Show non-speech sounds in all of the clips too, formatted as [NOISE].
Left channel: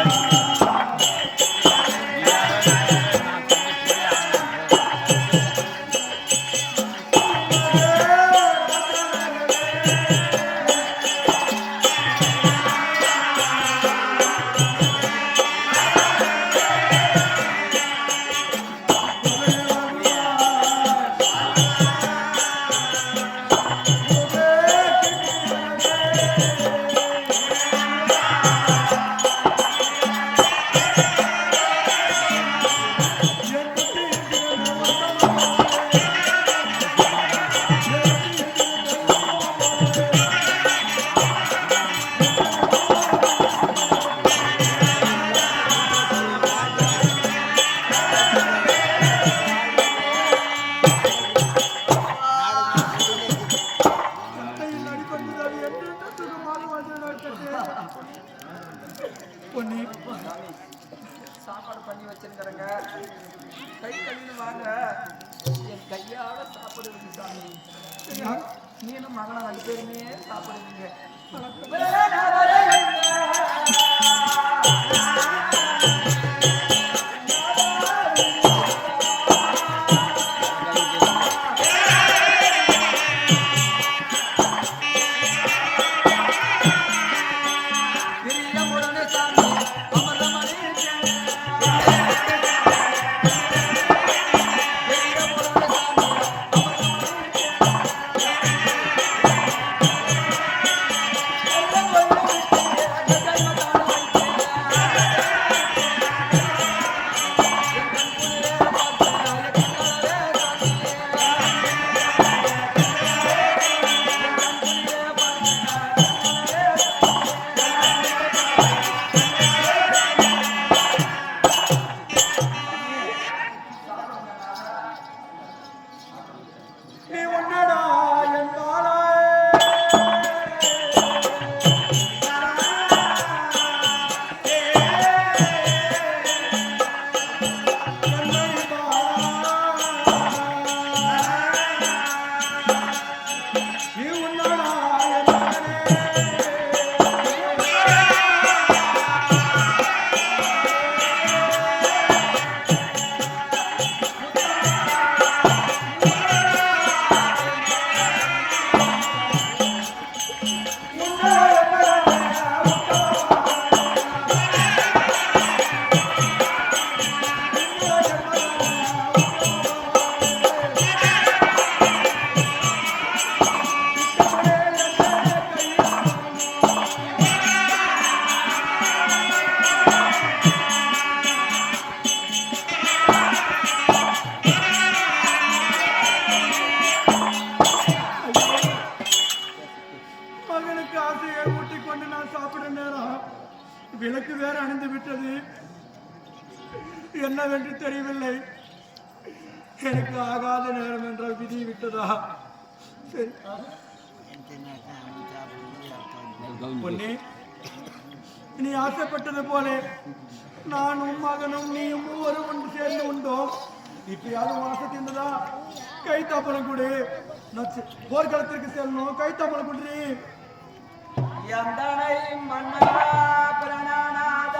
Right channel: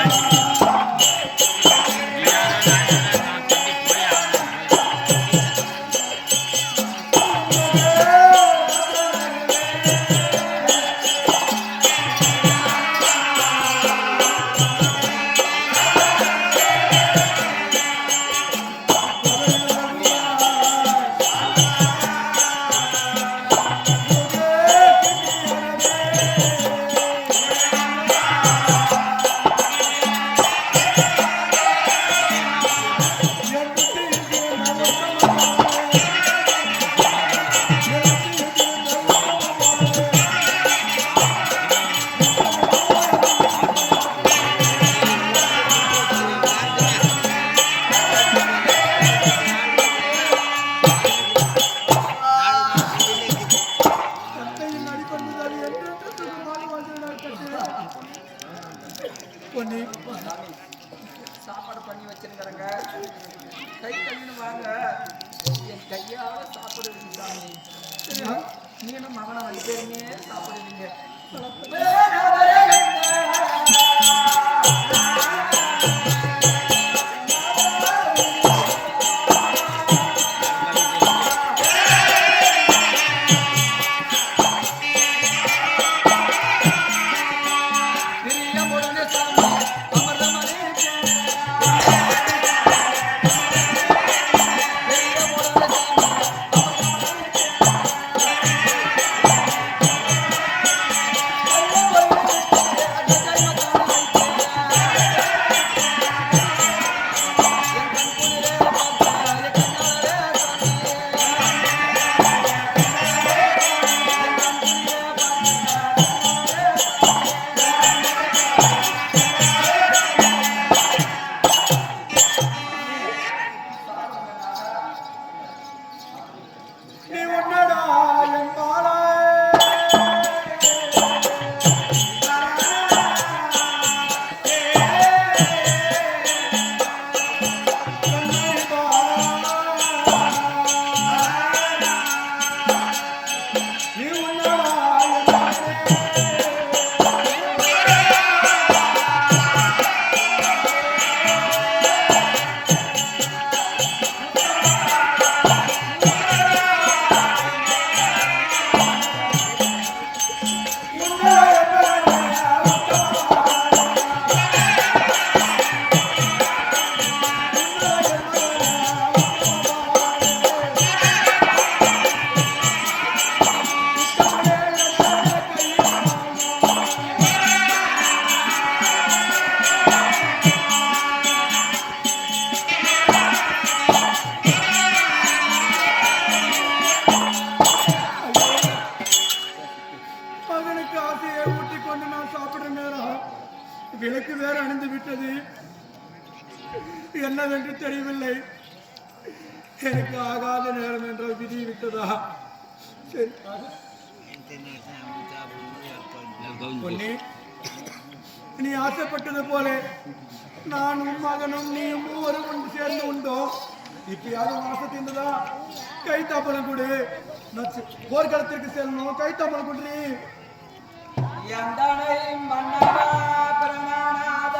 என் [LAUGHS] மகனே Yeah. நீ உன்னடா என் என்னவென்று தெரியவில்லை எனக்கு ஆகாத நேரம் என்ற விதி விட்டதா? சரி. பொன்னி நீ ஆசைப்பட்டது போல. நானும் மகனும் நீயும் மூவரும் ஒன்று சேர்ந்து உண்டோம். இப்பயாவது மாச தீர்ந்ததா? கை கொடு. நான் போர்க்களத்திற்கு செல்லணும். கை தாப்பலம் கொடு. எந்தனை மன்னவா பிரணநாதா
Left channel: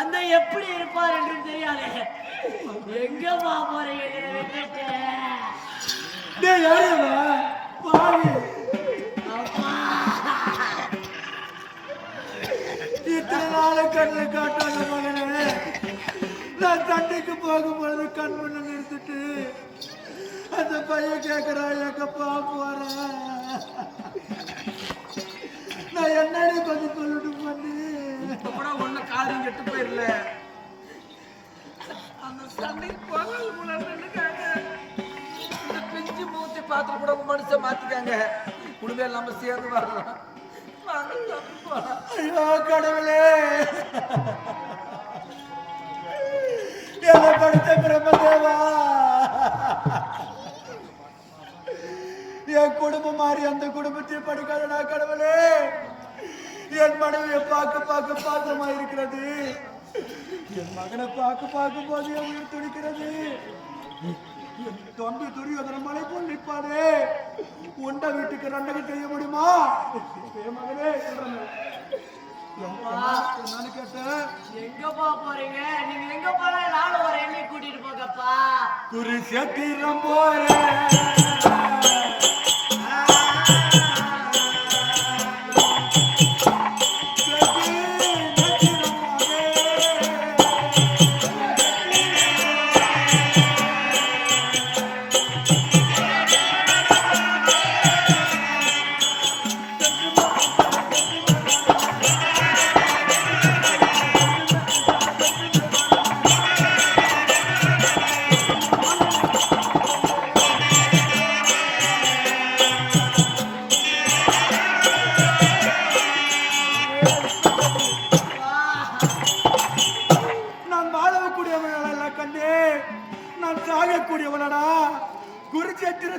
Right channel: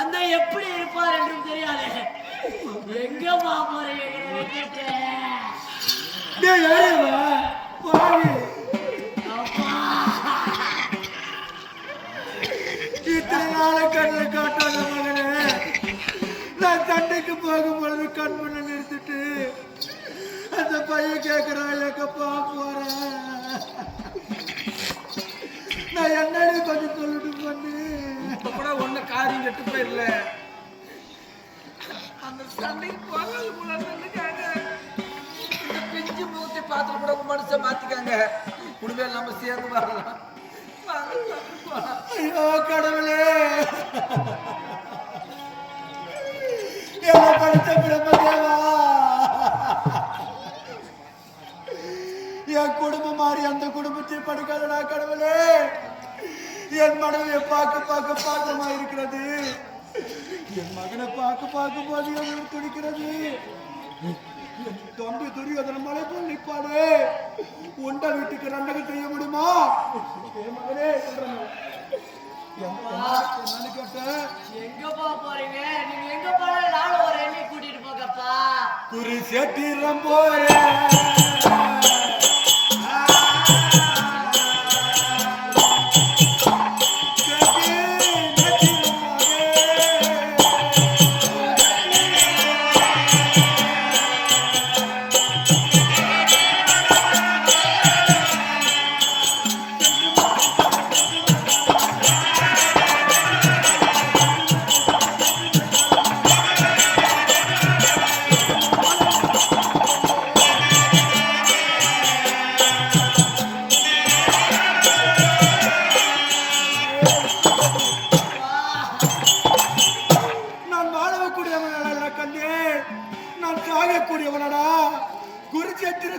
தந்தை எப்படி இருப்பார் என்றும் தெரியாது. எங்க போறேன் இத்தனை நாளை கண்ணில் காட்டாத மகனே. நான் தண்டைக்கு போகும்பொழுது கண் முன்ன அந்த பையன் கேட்கிறான் எங்கப்பா போறேன். நான் என்னடி கொஞ்சம் சொல்லிட்டு பண்ணு இப்ப கூட ஒண்ணு காரியம் கெட்டு போயிடல அந்த சண்டைக்கு போகிறது முன்னாடி இந்த பிஞ்சு மூத்தி பாத்திரம் கூட மனுஷன் மாத்திக்காங்க. உண்மையில நம்ம சேர்ந்து வரலாம் ஐயோ கடவுளே. என்ன படித்த பிரம்மதேவா என் குடும்பம் மாறி அந்த குடும்பத்தையும் படிக்காத நான் கடவுளே. என் மனைவியை பார்க்க பார்க்க பாசமா இருக்கிறது. என் மகனை பார்க்க பார்க்க போது உயிர் துடிக்கிறது. தம்பி துரியோதன மலை போல் நிற்பாரு உண்ட வீட்டுக்கு ரெண்டகம் செய்ய முடியுமா? என் மகனே என்னன்னு கேட்டேன்? எங்க போக போறீங்க? நீங்க எங்க போனாலும் நானும் ஒரு எண்ணெய் கூட்டிட்டு போங்கப்பா. குறி செட்டிரம் போறேன்.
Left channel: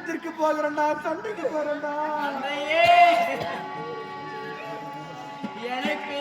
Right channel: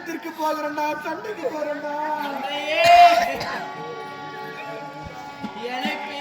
யுத்தத்திற்கு போகிறேன்டா சண்டைக்கு போறேன்டா. அன்னையே, எனக்கு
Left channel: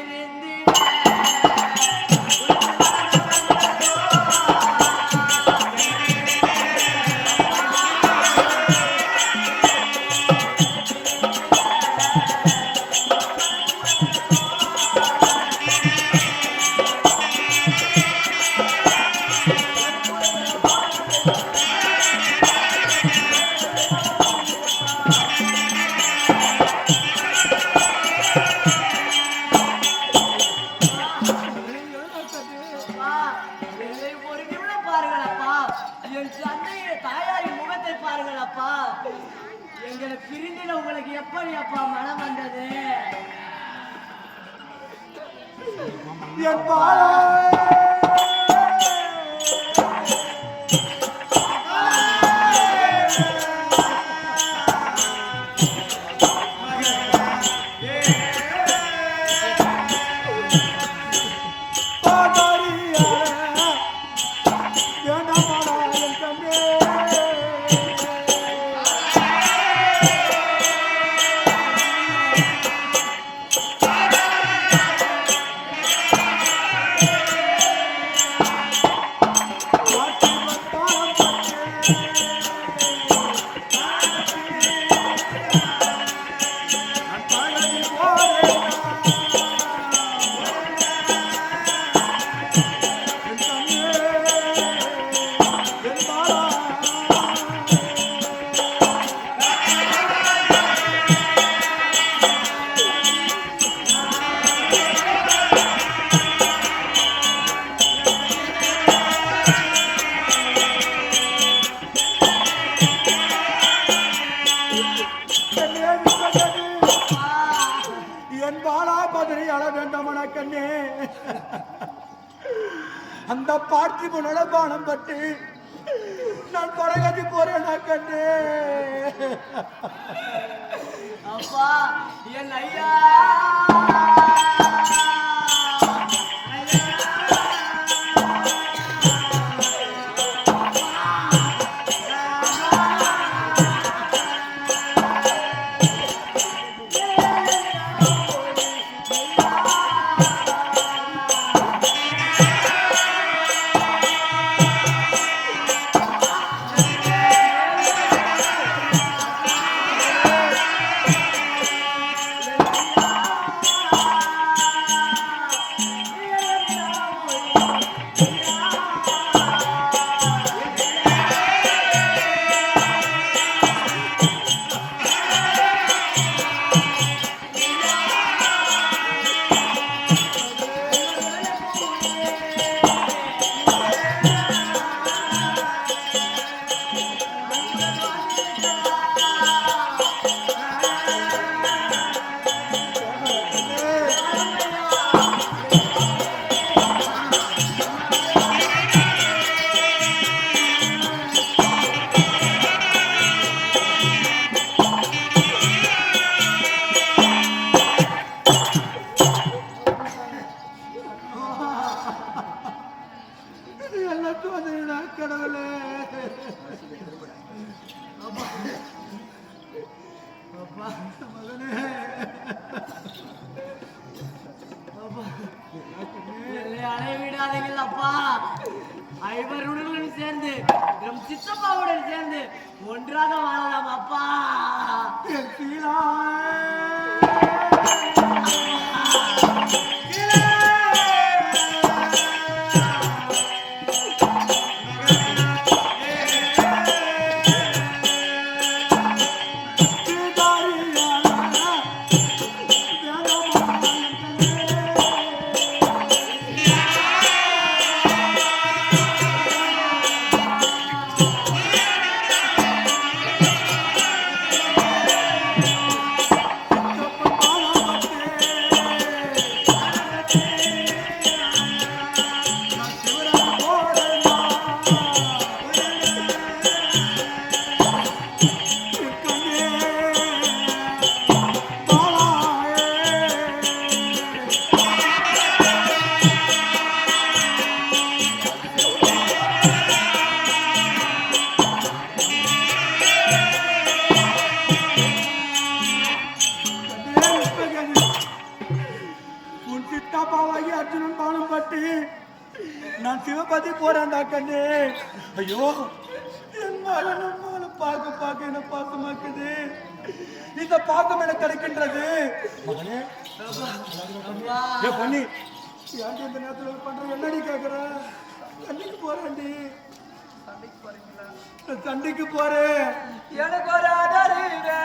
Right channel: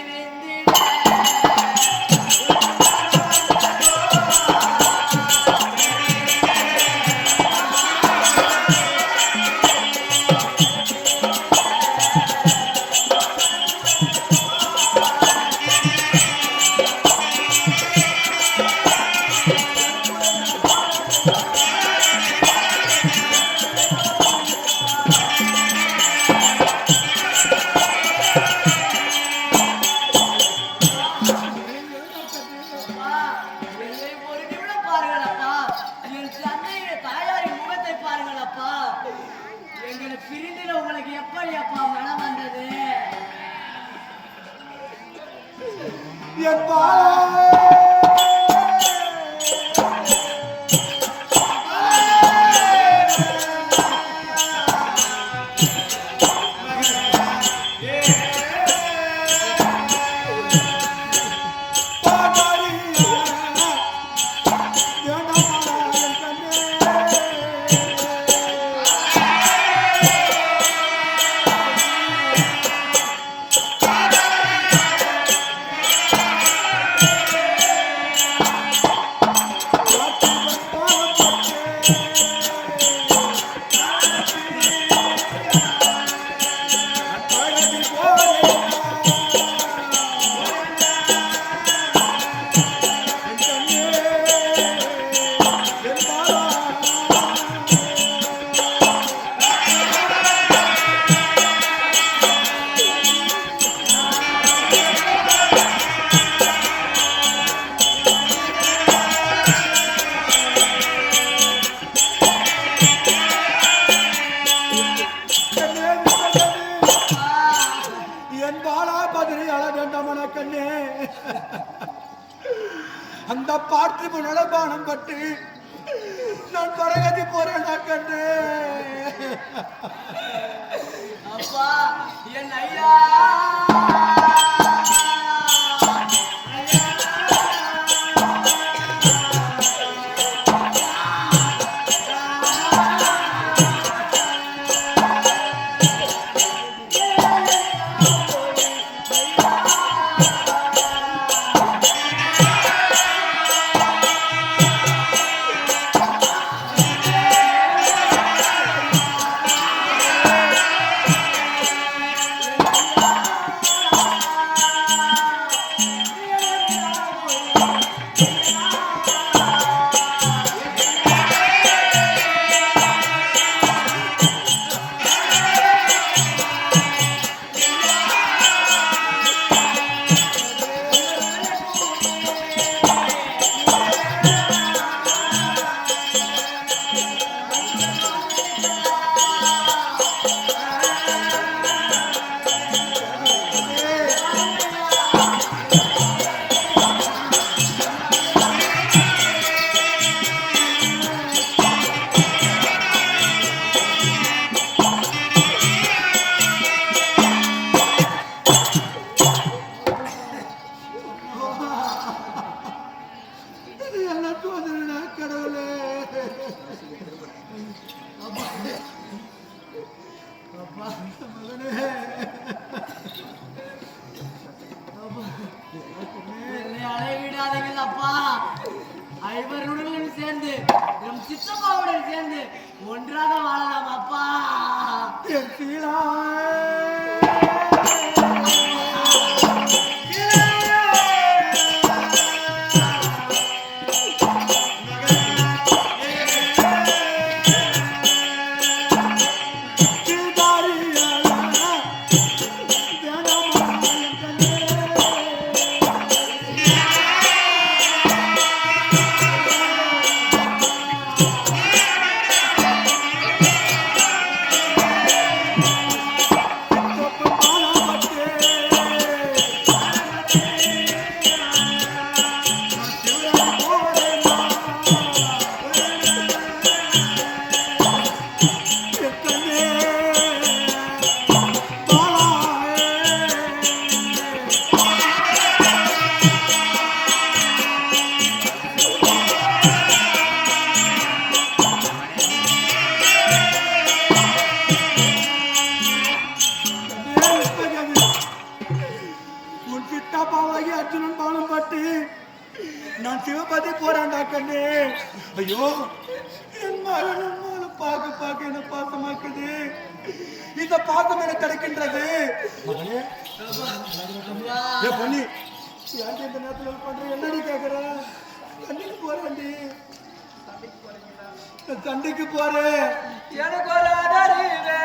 அந்த பார்த்திப நலபானம் பட்டு நான் பரகதி போறேனா கண்ணே அப்பா என் ஐயா. சித்தப்பாவுடன் சேர்ந்து ஒன்றாக வாழலாம் அப்பா. சீலா. சிவபதி போறான்டா கண்ணு. ஐயோ என் மகன் அம்மாவை பார்க்க பார்க்க என்ன பாசமாக்குது இந்த பாசம் எனக்கு கிடைக்கின்றது. மகனே பண்ணி ஏன்டி இந்த நேரத்தில் ஒரு பண்ற? என்னடி கேக்குற? கண்ணுக்கு போறேன்டி. சண்டைக்கு போறீங்களா? சண்டைக்கு போறேன். எனக்கு ஒரு ஆதரிவே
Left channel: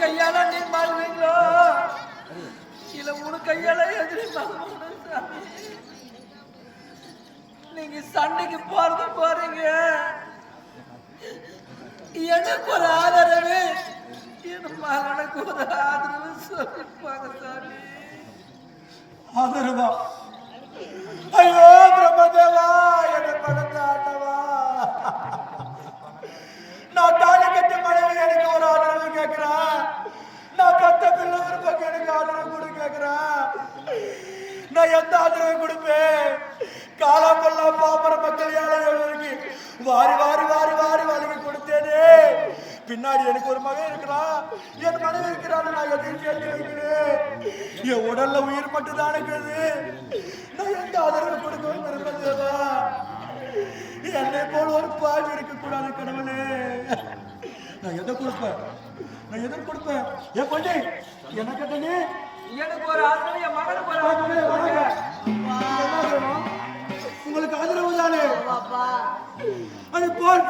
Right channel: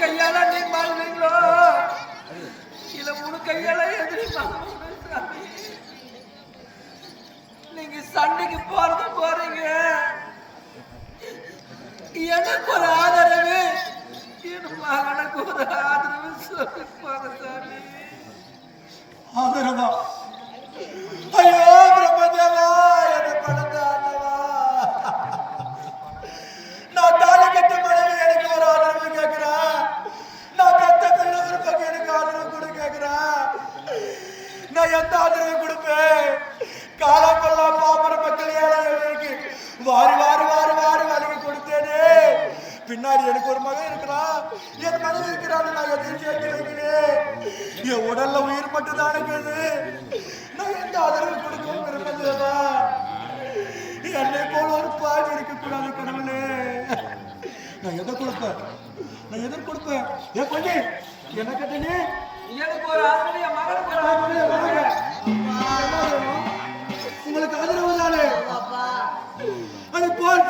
கையால நீ மாறுவீங்களோ? இல்ல மூணு கையால எதிரி சாமி? நீங்க சண்டைக்கு போறது போறீங்க. எனக்கு ஒரு ஆதரவு. என் மகனுக்கு ஒரு ஆதரவு சொல்லிப்பாங்க சாமி. ஆதரவா? ஐயோ பிரம்மதேவா என்ன பழந்த ஆண்டவா. நான் தாலி கட்ட மனைவி எனக்கு ஒரு ஆதரவு கேட்கிறேன் நான் கத்த பிள்ளை ஒரு பக்கம் எனக்கு ஆதரவு கொடு கேட்கிறேன் நான் எந்த ஆதரவு கொடுப்பேன்? காலம் கொல்லாம் பாமர மக்கள் ஏழைகளுக்கு வாரி வாரி வாரி வாரி வாங்கி கொடுத்தேனே. பின்னாடி எனக்கு ஒரு மகன் இருக்கிறான் என் மனைவி இருக்கிறான்னு நான் எதையும் சேர்த்து வைக்கிறேன். என் உடல்ல உயிர் மட்டும் தான் இருக்குது. நான் எந்த ஆதரவு கொடுக்கவும் விரும்பதேவா என்னை போல் ஒரு பாவி இருக்கக்கூடாது கடவுளே நான் எதை கொடுப்பேன்? நான் எதை கொடுப்பேன்? ஏன் பண்ணி என்ன கட்டணி எனக்கு ஒரு ஆதரவு என் மகனுக்கு ஒரு ஆதரவு? உங்களுக்கு ஆதரவு தானே? அது போல்